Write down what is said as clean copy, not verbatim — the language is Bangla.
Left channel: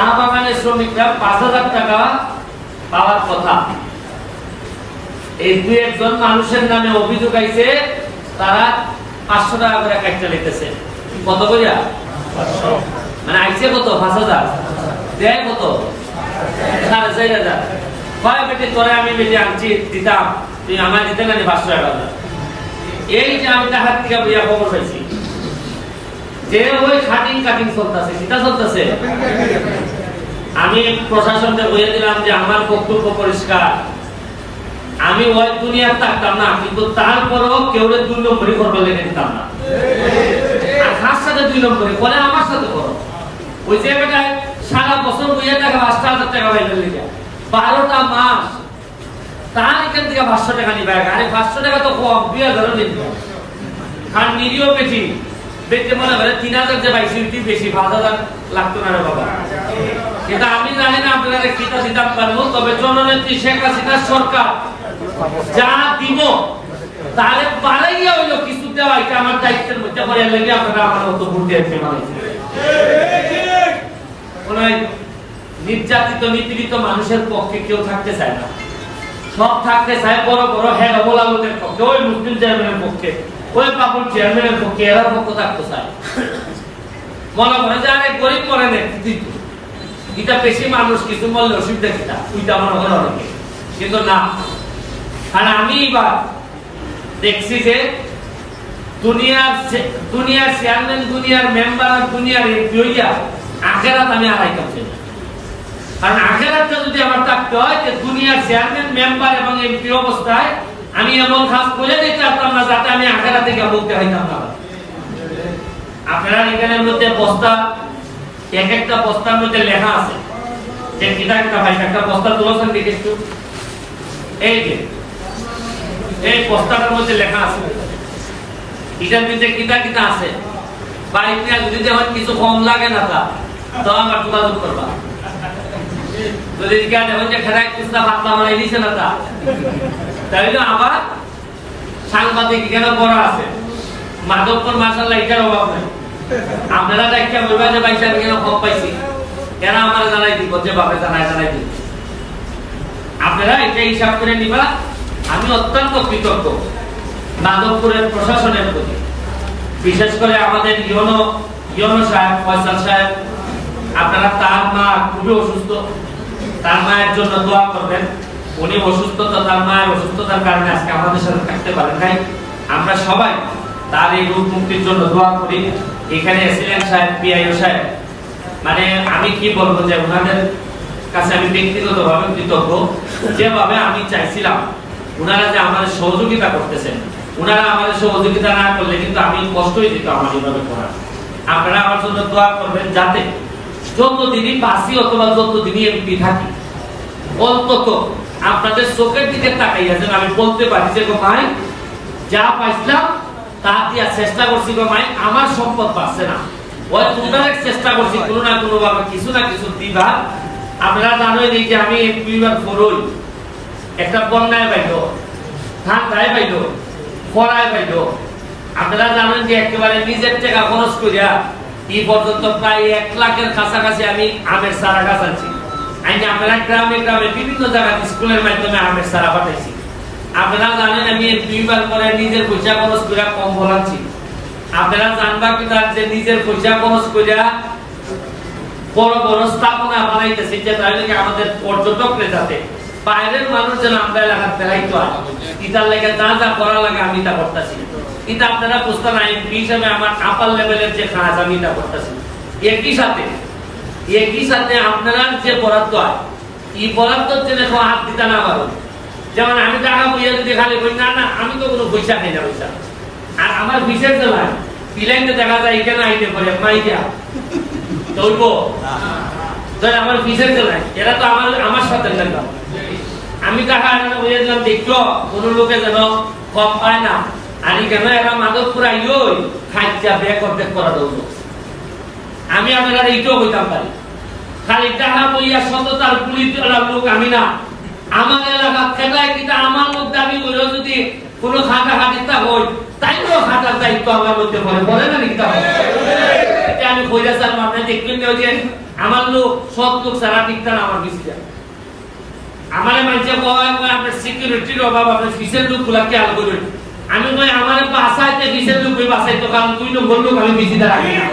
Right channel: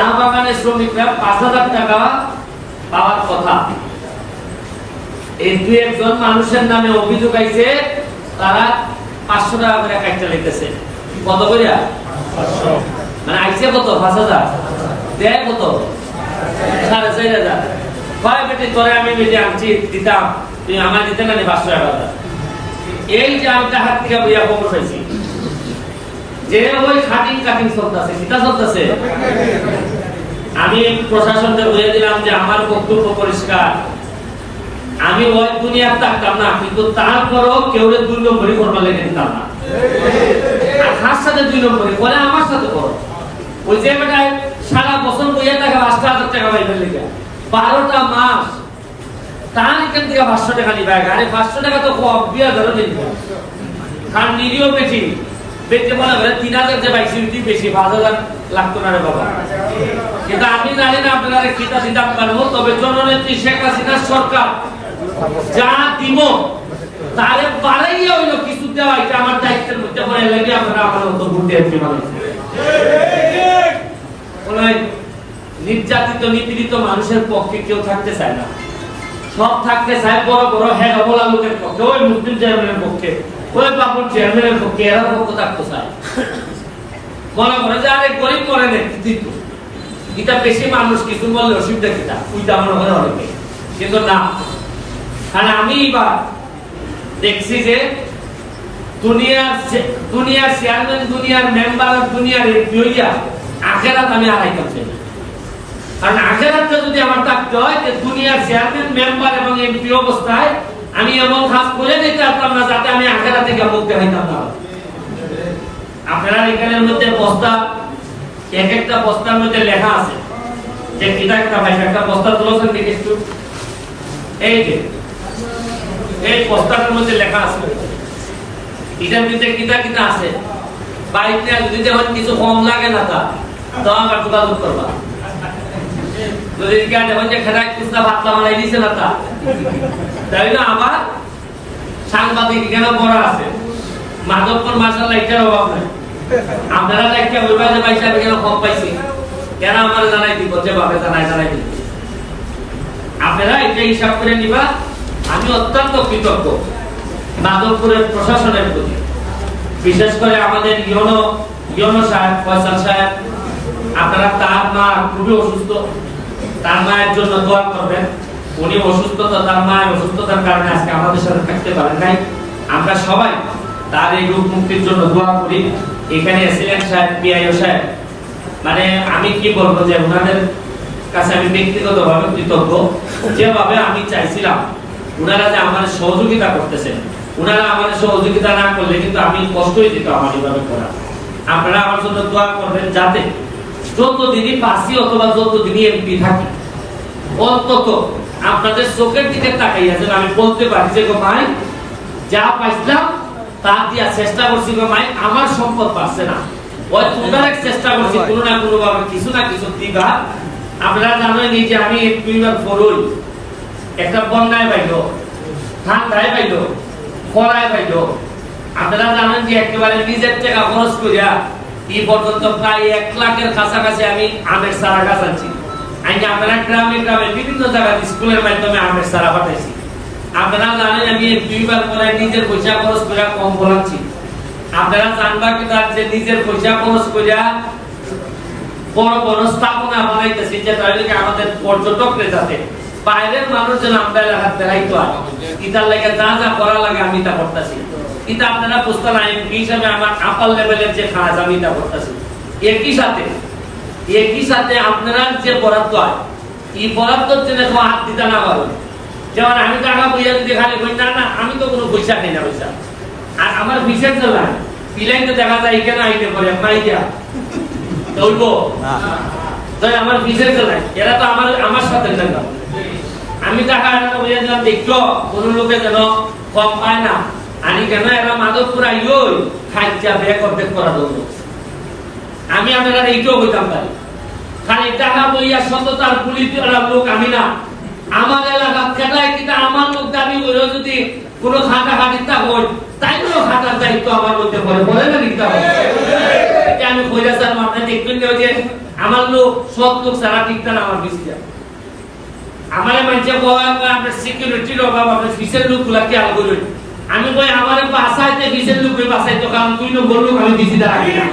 চা বাগানের শ্রমিকরা ৫,০০০ টাকা পাওয়ার কথা। এই দুই একজন মানুষের নামে অভিযোগ আইছে, তারা ৫০০ টাকা করে কাটতে লিখতেছে। কত করিয়া? মানে আইছে কত? ৫,০০০। দেয় কত? ৪,৫০০। কয় বেটি তোরে আমি বেটি আনছি দিতাম, তুই আমার দিতে না ৫০০ টাকা। এই যে আমি তাহার থেকে বইয়া খবর পাইছি যে ওই কাটিং চলতেছে, কিটা চলতেছে। আমি প্রশাসনকে বলে দিলাম যে আমার বক্তব্য পরিষ্কার, আমি ওই দুনিয়ার থাকতাম না, কিন্তু তারপরও কেউ ২ নম্বরই করবার লেগে দিতাম না। আর খাস সাথে ২ নম্বরই করে আমার সাথে করো। ওই যে বেটায় সারা বছর বইয়া টাকা ৫,০০০ টাকা পাইবার লেগে ১২টা মাস তার এখান থেকে ৫০০ টাকা নিবে। আরে ৫০০ টাকা তো কম, ২,০০০ নিবে। কারণ নিরীহ বেশি বেঁচে মনে করে ৩,০০০ যে পাইছি বেশি, ৫,০০০ লাগতো না রে বাবা। কিন্তু আমি জানি না আপনারা কিতা দিতাম পারবো, তবে জননেত্রী শেখ হাসিনার সরকার যা দিব তারে বাড়াইয়া হইল কিছু দেওয়া, এটা আমার দায়িত্বের মধ্যে পড়ে লাগে। আপনারা আমার মতো ভোট দিয়েছি মানুষ। নির্যাতিত নিপীড়িত মানুষের পক্ষে কেউ থাকতে চায় না, সব থাকতে চায় বড় বড় হেডমলা লোকের পক্ষে, ওই মুসলিম চেয়ারম্যানের পক্ষে, ওই বাবুর চেয়ারম্যানের পক্ষে, এরা পক্ষ থাকতে চায়। মনে করে যে আরে গরিব করে নেতৃত্ব, এটা বেশি মানুষ কিছু বললে অসুবিধা কিনা, ওইটা মনে করে অনেকে। কিন্তু না, কারণ আমি এবার দেখছি যে দুনিয়ার চেয়ারম্যান, দুনিয়ার মেম্বার, দুনিয়ার এমপি হইয়া আখেরাত আমি আড়াইতাম চাই না। কারণ আখেরাতটা যদি আমার থাকতে হয় যে দুনিয়ার চেয়ারম্যান, মেম্বার এবং এমপি অবস্থায় আমি এমন কাজ করে দিতে পারতাম না যাতে আমি আখেরাত থেকে মুক্তি হইতাম না। আপনারা এখানের মধ্যে বস্তা, এক একটা বস্তার মধ্যে লেখা আছে যে কিতা ভাই, একটা বস্তা তুলেছেন দেখি একটু। এই যে এই বস্তাটার মধ্যে লেখা আছে, এটার মধ্যে কিতা আছে। বাইকটা যদি যেমন কিছু কম লাগে না তা তো আমার যোগাযোগ করবা। যদি যেমন যে খেলায় কুস্তা ভাতলা বানাই দিছে না তা তাইলে আমার সাংবাদিক এখানে করা আছে। মাধবপুর মাসাল্লাহ এটার অভাব নাই। আপনারা একটা বলবেন যে ভাই আমি কেন কম পাইছি, কেন আমার জানাই দিব, যে ভাবে জানাই দিব। আপনারা এটা হিসাব করে নিবা। আমি অত্যন্ত কৃতজ্ঞ মাধবপুরের প্রশাসনের প্রতি, বিশেষ করে আমাদের ইয়নো সাহেব, ফয়সাল সাহেব। আপনারা তার মা খুবই অসুস্থ, তার মায়ের জন্য দোয়া করবেন। উনি অসুস্থতা, তার মায়ের অসুস্থতার কারণে আজকে আমাদের সাথে থাকতে পারেন নাই। আমরা সবাই তার এই রোগ মুক্তির জন্য দোয়া করি। এখানে এসিলেন সাহেব, পিআইও সাহেব, মানে আমি কি বলবো যে ওনাদের কাছে আমি ব্যক্তিগতভাবে কৃতজ্ঞ। যেভাবে আমি চাইছিলাম ওনারা যে আমাদের সহযোগিতা করতেছেন, ওনারা আমাদের সহযোগিতা না করলে কিন্তু আমি কষ্টই দিত আমার যেভাবে করা। আপনারা আমার জন্য দোয়া করবেন যাতে যতদিনই বাসি অথবা যতদিনই এমপি থাকি অন্তত আপনাদের চোখের দিকে তাকাইয়া যেন আমি বলতে পারি যে ভাই যা পাইছিলাম তা দিয়া চেষ্টা করছি, ভাই আমার সম্পদ পাচ্ছে না, ওই তোমরা চেষ্টা করছি কোনো না কোনো ভাবে কিছু না কিছু দিবা। আপনারা জানেন এই যে আমি এমপিবার ফরই একটা বন্যায় পাইল, ঠান্ডায় পাইল, খরায় পাইল। আপনারা জানেন যে একেবারে নিজের টাকা খরচ করিয়া এই পর্যন্ত প্রায় ১ লাখের কাছাকাছি আমি আমের চারা গাছ আনছি। আপনারা গ্রামে গ্রামে বিভিন্ন জায়গায় স্কুলের মাধ্যমে আমের চারা পাঠাইছি। আপনারা জানেন আমি দুইবার পরে নিজের পয়সা খরচ করে কম বলাচ্ছি। আপনারা জানবা কি তার যে নিজের পয়সা খরচ করিয়া বড় বড় স্থাপনা বানাইতেছি, যে তাহলে আমাদের পর্যটকরা যাতে বাইরের মানুষ যেন আমরা এলাকার বেড়াইতে হয়, ইতার লেগে যা যা করা লাগে আমি তা করতেছি। কিন্তু আপনারা বুঝতে না এমপি হিসাবে আমার আপার লেভেলের যে কাজ আমি তা করতেছি। একই সাথে আপনারা যে বরাদ্দ হয় এই বরাদ্দর জন্য হাত দিতে না পারো। যেমন আমি টাকা বইয়া যদি খালি কই না না আমি তো কোনো পয়সা খাই না পয়সা। আর আমার বিশেষ নয় পিলাইতে দেখা যায় এখানে আইতে পারে মাই দিয়া চলবো, আমার বিশেষ নয়। এরা তো আমার সাথে দেখা আমি টাকা বইয়া দিলাম দেখো কোনো লোকে যেন কম পায় না। আমি কেন এরা মাধবপুর আইও খাইচা বেক অর্ধেক করা দেবো। আমি আপনারা এইটাও হইতাম পারি, খালি টাকা বইয়া সততার পুলিশ লোক আমি না। আমার এলাকার খেটায় কিন্তু আমার মধ্যে আমি যদি কোনো খাটা খাটিতা হই তাই খাটার দায়িত্ব আমার মধ্যে পড়ে না নিতে হবে। আমি কইরা স্যার মাথায় দেখবেন যে আমার লোক সৎ লোক সারা টিকতা না আমার বিস্তা আমারে মানছে কয় আপনার সিকিউরিটির অভাব আপনি ফিসের লোকগুলা খেয়াল করুন আমি কই আমারে বাসাইতে ফিসের লোক বাসাইতো কারণ তুই নম্বর লোক আমি বেশি রাখি না